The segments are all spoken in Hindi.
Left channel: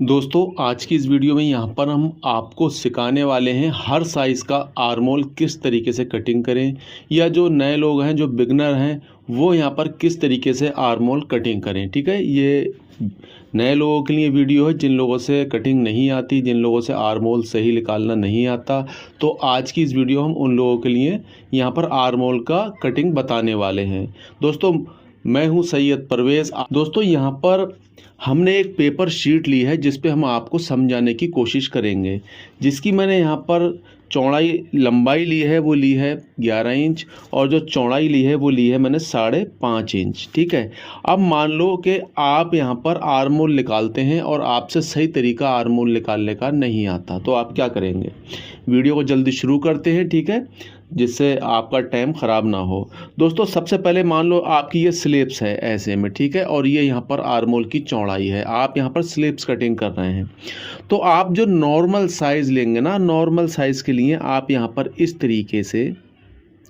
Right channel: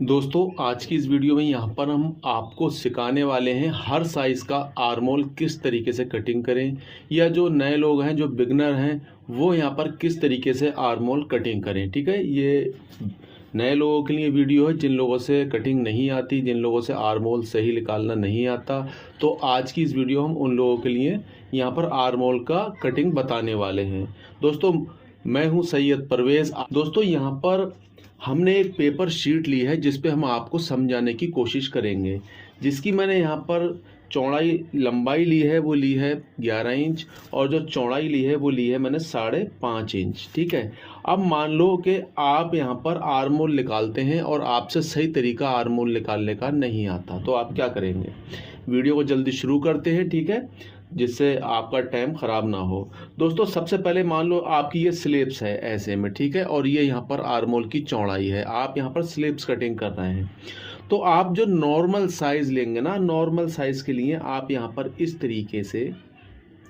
दोस्तों आज की इस वीडियो में यहाँ पर हम आपको सिखाने वाले हैं हर साइज़ का आर्मोल किस तरीके से कटिंग करें, या जो नए लोग हैं जो बिगनर हैं वो यहाँ पर किस तरीके से आर्मोल कटिंग करें। ठीक है, ये नए लोगों के लिए वीडियो है, जिन लोगों से कटिंग नहीं आती, जिन लोगों से आर्मोल सही निकालना नहीं आता, तो आज की इस वीडियो हम उन लोगों के लिए यहाँ पर आर्मोल का कटिंग बताने वाले हैं। दोस्तों मैं हूँ सैयद परवेज़। दोस्तों यहाँ पर हमने एक पेपर शीट ली है जिस पे हम आपको समझाने की कोशिश करेंगे, जिसकी मैंने यहाँ पर चौड़ाई लंबाई ली है वो ली है 11 इंच, और जो चौड़ाई ली है वो ली है मैंने 5.5 इंच। ठीक है, अब मान लो कि आप यहाँ पर आर्मोल निकालते हैं और आपसे सही तरीका आर्मोल निकालने का नहीं आता, तो आप क्या करेंगे। वीडियो को जल्दी शुरू करते हैं, ठीक है, जिससे आपका टाइम ख़राब ना हो। दोस्तों सबसे पहले मान लो आपकी ये स्लिप्स है ऐसे में, ठीक है, और ये यहाँ पर आर्मोल की चौड़ाई है, आप यहाँ पर स्लिप्स कटिंग कर रहे हैं। तो आप जो नॉर्मल साइज़ लेंगे ना, नॉर्मल साइज़ के लिए आप यहाँ पर इस तरीके से,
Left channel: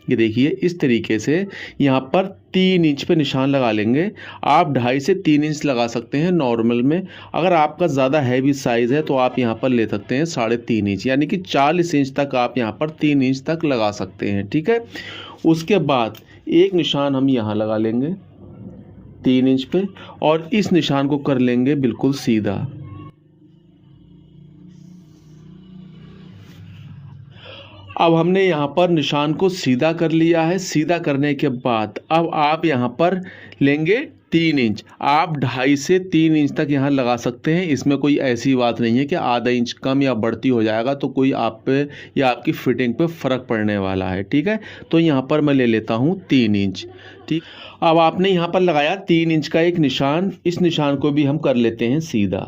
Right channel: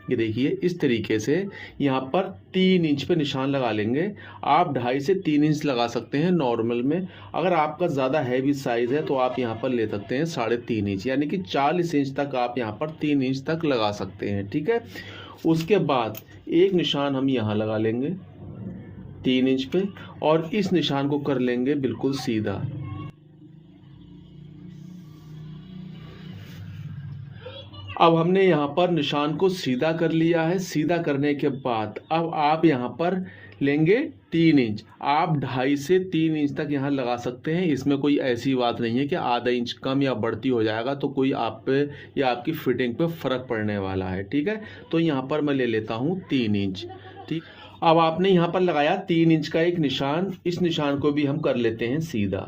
ये देखिए इस तरीके से यहाँ पर 3 इंच पे निशान लगा लेंगे। आप 2.5 से 3 इंच लगा सकते हैं नॉर्मल में। अगर आपका ज़्यादा हैवी साइज़ है तो आप यहाँ पर ले सकते हैं 3.5 इंच, यानी कि 40 इंच तक आप यहाँ पर 3 इंच तक लगा सकते हैं। ठीक है, उसके बाद एक निशान हम यहाँ लगा लेंगे 3 इंच पे, और इस निशान को कर लेंगे बिल्कुल सीधा। अब हमने यहाँ पर निशान को सीधा कर लिया है। सीधा करने के बाद अब आप यहाँ पर लेंगे 3 इंच, आप 2.5 से 3 इंच तक यहाँ लगा सकते हैं। इसमें कोई ऐसी बात नहीं है कि आधा इंच कम या बढ़ती हो जाएगा तो कोई आप पे या आपकी फिटिंग पे फ़र्क पड़ने वाला है। ठीक है, तो यहाँ पर मैं ले लेता हूँ 3 इंच। ठीक, अब आपने यहाँ पर लगाया 3 इंच का एक निशान, इस निशान को भी हम कर लेते हैं सीधा,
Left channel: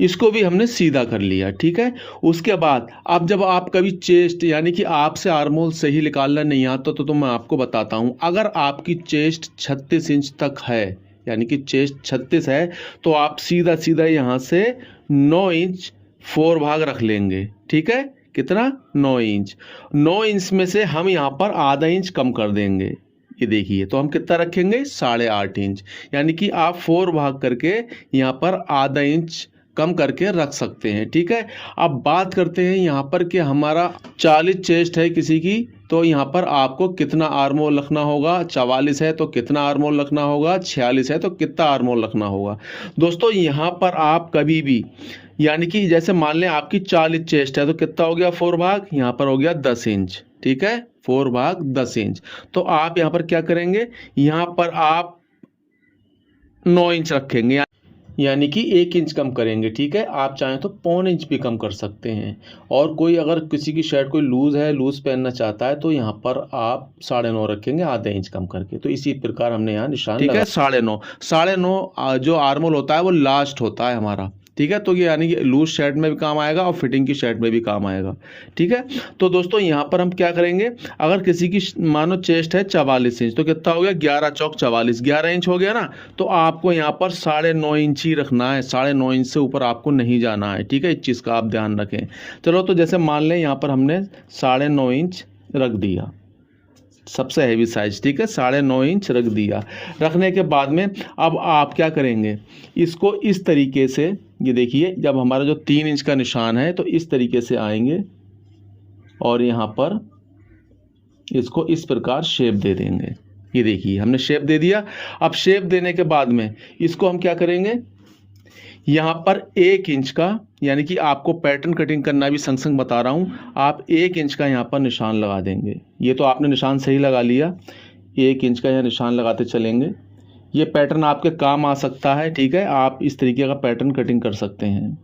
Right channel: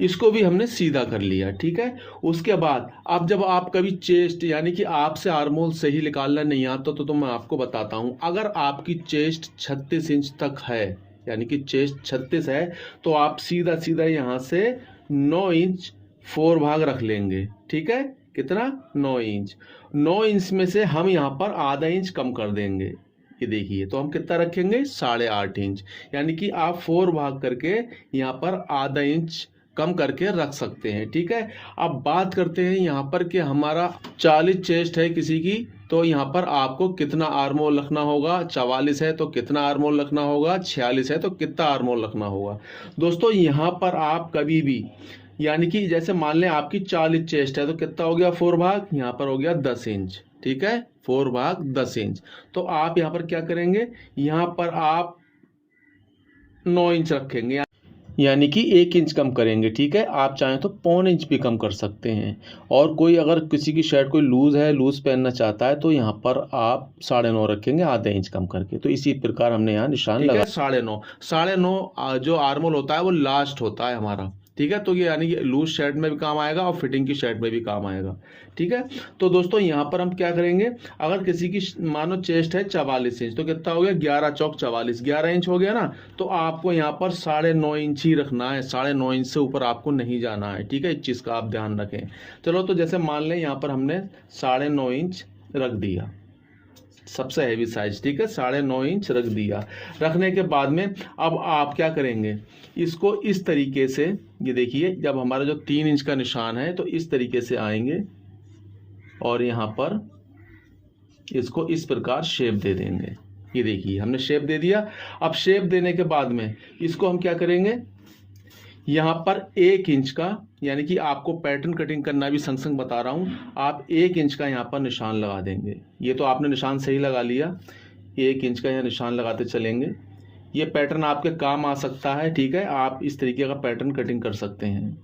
इसको भी हमने सीधा कर लिया। ठीक है, उसके बाद अब जब आप कभी चेस्ट, यानी कि आपसे आर्मोल सही निकालना नहीं आता तो मैं आपको बताता हूं, अगर आपकी चेस्ट 36 इंच तक है, यानी कि चेस्ट 36 है, तो आप सीधा सीधा यहां से 9 इंच 4 भाग रख लेंगे। ठीक है, कितना, 9 इंच। 9 इंच में से हम यहाँ पर आधा इंच कम कर देंगे। ये देखिए, तो हम कितना रखेंगे, 8.5 इंच, यानी कि आप 4 भाग करके यहाँ पर आधा इंच कम करके रख सकते हैं। ठीक है, अब बात करते हैं यहाँ पर कि हमारा 40 चेस्ट है किसी की, तो यहाँ पर आपको कितना आर्मोल रखना होगा। 44 है तो कितना आर्मोल रखना होगा, 46 है तो कितना आर्मोल रखना होगा। दोस्तों यहाँ पर आप कभी भी, यानी कि जैसे मान लें आपकी 40 चेस्ट है तो कितना हो गया 4 भाग, यहाँ पर हो गया 10 इंच। ठीक है, 4 भाग 10 इंच, तो आप यहाँ पर क्या करेंगे, यहाँ पर आप 9 इंच रखेंगे, यानी कि 1 इंच कम करेंगे। ठीक है, आप चाहें तो 1.25 इंच भी कम कर सकते हैं। और कोई अगर किसी की शर्ट कोई लूज़ है, लूज़ पहनना चाहता है, तो यहाँ पर आप 9.5 रखेंगे, आधा इंच कम करके। तो इसी प्रकार हमने यहाँ निशान लगा। 9.5 जो आर्मोल होता है वो लास्ट होता है हमारा। ठीक है, तो ये यानी कि लूज शर्ट में भी काम आएगा और फिटिंग की शर्ट में भी काम आएगा। ठीक है, तो दोस्तों यहाँ पर हम क्या करेंगे, अगर किसी की मानो चेस्ट है 44 इंच, तो कितना हो गया, 11 चौक 44, 11 इंच हो गया ना, तो आपको यहाँ पर 9.5 इंच ही रखना है, 9.5 इंच से ऊपर आपको नहीं जाना है। ठीक है, इस चीज़ का आप ध्यान रखें। चलो, तो जैसे मान लें यहाँ पर हमने 9.5 इंच रख दिया, सबसे हैवी साइज। ठीक है, 9.5 इंच रख दिया। रखने के बाद में अब आप क्या करेंगे, इसको इस तरीके से, ये देखिए जब हमारा जो 3 इंच का निशान है तो इस तरीके से आएंगे और यहाँ पर इसको इस प्रकार शेप दे देंगे। ये देखिए हमने शेप दे दिया। अब शेप देने के बाद में इसको हम क्या करेंगे, यहाँ पर 1 इंच का, यानी कि आपको पैटर्न कटिंग करना भी संग संग बता रहा हूँ, आप 1 इंच का यहाँ पर निशान लगा देंगे। ये तो आपने निशान सही लगा लिया, 1 इंच का यहाँ निशान लगाते चलेंगे। ये पैटर्न आपके काम आ सकता है। ठीक है, आप इस तरीके का पैटर्न कटिंग कर सकते हैं।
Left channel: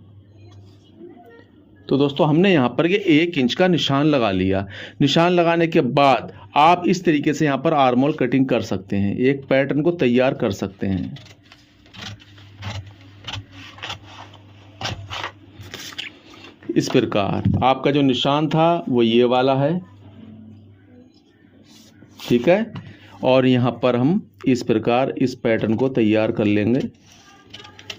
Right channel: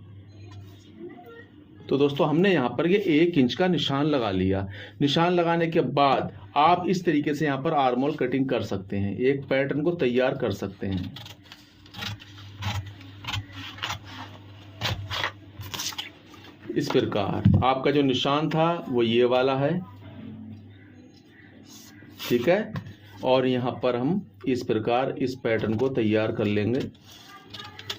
तो दोस्तों हमने यहाँ पर ये 1 इंच का निशान लगा लिया। निशान लगाने के बाद आप इस तरीके से यहाँ पर आर्मोल कटिंग कर सकते हैं, एक पैटर्न को तैयार कर सकते हैं। इस प्रकार आपका जो निशान था वो ये वाला है। ठीक है, और यहाँ पर हम इस प्रकार इस पैटर्न को तैयार कर लेंगे।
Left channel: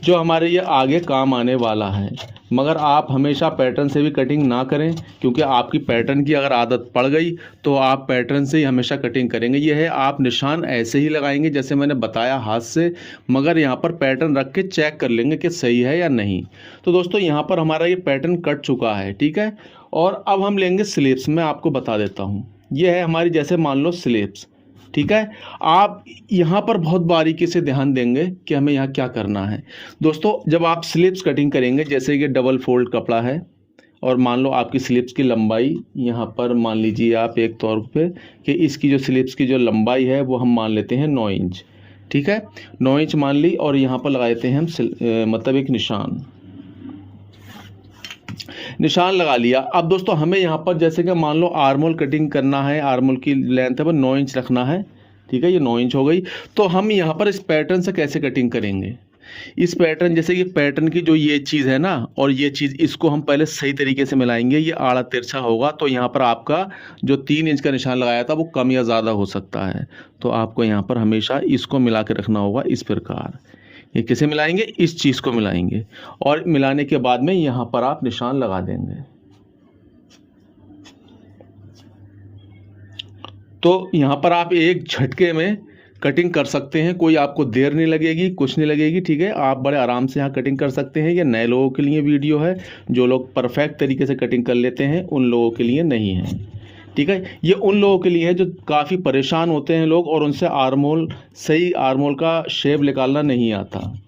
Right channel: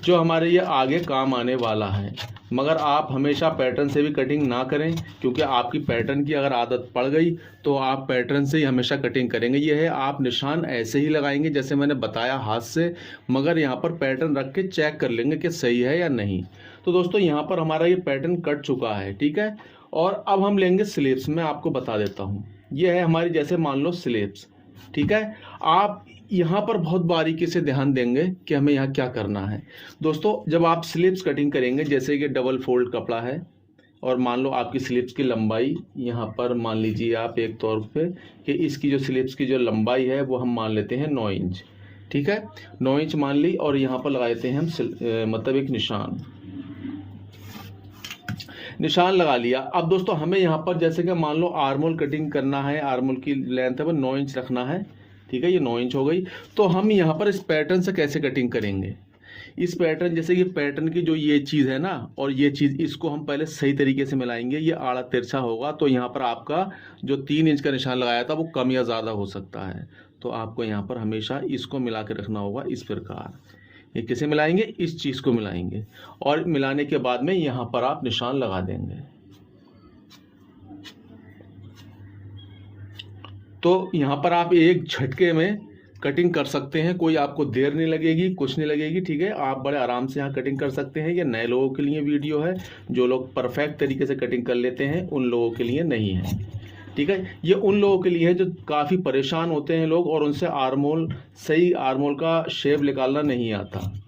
जो हमारे ये आगे काम आने वाला है। मगर आप हमेशा पैटर्न से भी कटिंग ना करें, क्योंकि आपकी पैटर्न की अगर आदत पड़ गई तो आप पैटर्न से ही हमेशा कटिंग करेंगे। ये है, आप निशान ऐसे ही लगाएंगे जैसे मैंने बताया हाथ से, मगर यहाँ पर पैटर्न रख के चेक कर लेंगे कि सही है या नहीं। तो दोस्तों यहाँ पर हमारा ये पैटर्न कट चुका है, ठीक है। और अब हम लेंगे स्लिप्स। मैं आपको बता देता हूँ, ये है हमारी, जैसे मान लो स्लिप्स, ठीक है। आप यहाँ पर बहुत बारीकी से ध्यान देंगे कि हमें यहाँ क्या करना है। दोस्तों जब आप स्लिप्स कटिंग करेंगे, जैसे कि डबल फोल्ड कपड़ा है और मान लो आपकी स्लिप्स की लंबाई यहाँ पर मान लीजिए आप एक तौर पे कि इसकी जो स्लिप्स की जो लंबाई है वो हम मान लेते हैं 9 इंच, ठीक है। 9 इंच मान ली और यहाँ पर लगा देते हैं हम मतलब एक निशान लगा लिया। अब दोस्तों हमें यहाँ पर जैसे कि मान लो आर्मोल कटिंग करना है, आर्मोल की लेंथ है वो 9 इंच रखना है, ठीक है। ये 9 इंच हो गई। तो हम यहाँ पर इस पैटर्न से कैसे कटिंग करेंगे, इस पैटर्न, जैसे कि पैटर्न की जो ये चीज़ है ना और ये चीज़, इसको हम पहले सही तरीके से मिलाएंगे। ये आड़ा तिरछा होगा तो यहाँ पर आपका जो 3 इंच का निशान लगाया था वो कम या ज़्यादा हो सकता है। तो आपको यहाँ पर हमेशा इसको मिला के रखना होगा इस प्रकार। ये किसे मिलाएंगे, इस चीज़ को मिलाएंगे और मिलाने के बाद में यहाँ पर आप निशान लगा देंगे। तो यहाँ पर आप एक झटके में कटिंग कर सकते हैं, कोई आपको देर नहीं लगेगी, कुछ नहीं लगेगी, ठीक है। आप बड़े आराम से यहाँ कटिंग कर सकते हैं। ये नए लोगों के लिए वीडियो है, जो लोग परफेक्ट तरीके से कटिंग कर लेते हैं उन लोगों के लिए नहीं है, ठीक है। ये उन लोगों के लिए है जो काफ़ी परेशान होते हैं लोग और उनसे सही आर्मोल का शेप निकालना नहीं आता।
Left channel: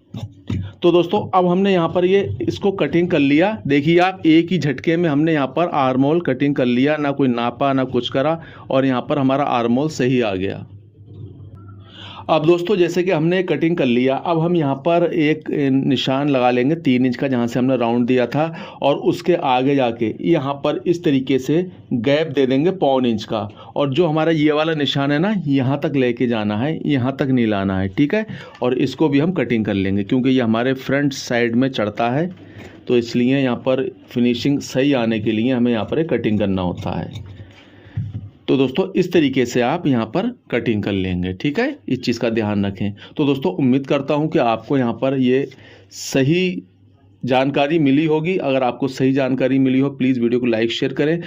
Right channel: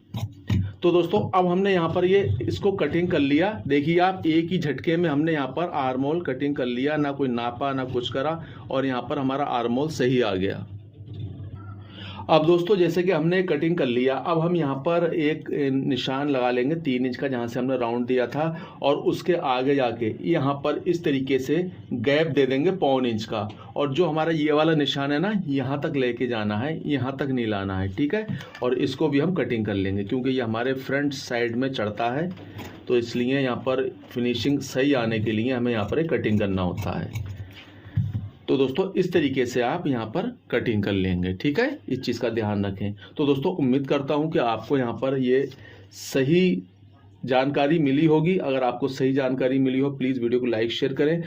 तो दोस्तों अब हमने यहाँ पर ये इसको कटिंग कर लिया। देखिए आप, एक ही झटके में हमने यहाँ पर आर्मोल कटिंग कर लिया, ना कोई नापा ना कुछ करा, और यहाँ पर हमारा आर्मोल सही आ गया। अब दोस्तों जैसे कि हमने कटिंग कर लिया, अब हम यहाँ पर एक निशान लगा लेंगे 3 इंच का, जहाँ से हमने राउंड दिया था, और उसके आगे जाके यहाँ पर इस तरीके से गैप दे देंगे 1.25 इंच का। और जो हमारा ये वाला निशान है ना, यहाँ तक लेके जाना है, यहाँ तक नहीं लाना है, ठीक है। और इसको भी हम कटिंग कर लेंगे क्योंकि ये हमारे फ्रंट साइड में चढ़ता है, तो इसलिए यहाँ पर फिनिशिंग सही आने के लिए हमें यहाँ पर कटिंग करना होता है। तो दोस्तों इस तरीके से आप यहाँ पर कटिंग कर लेंगे, ठीक है। इस चीज़ का ध्यान रखें। तो दोस्तों उम्मीद करता हूँ कि आपको यहाँ पर ये सही जानकारी मिली होगी। अगर आपको सही जानकारी मिली हो, प्लीज़ वीडियो को लाइक शेयर करें।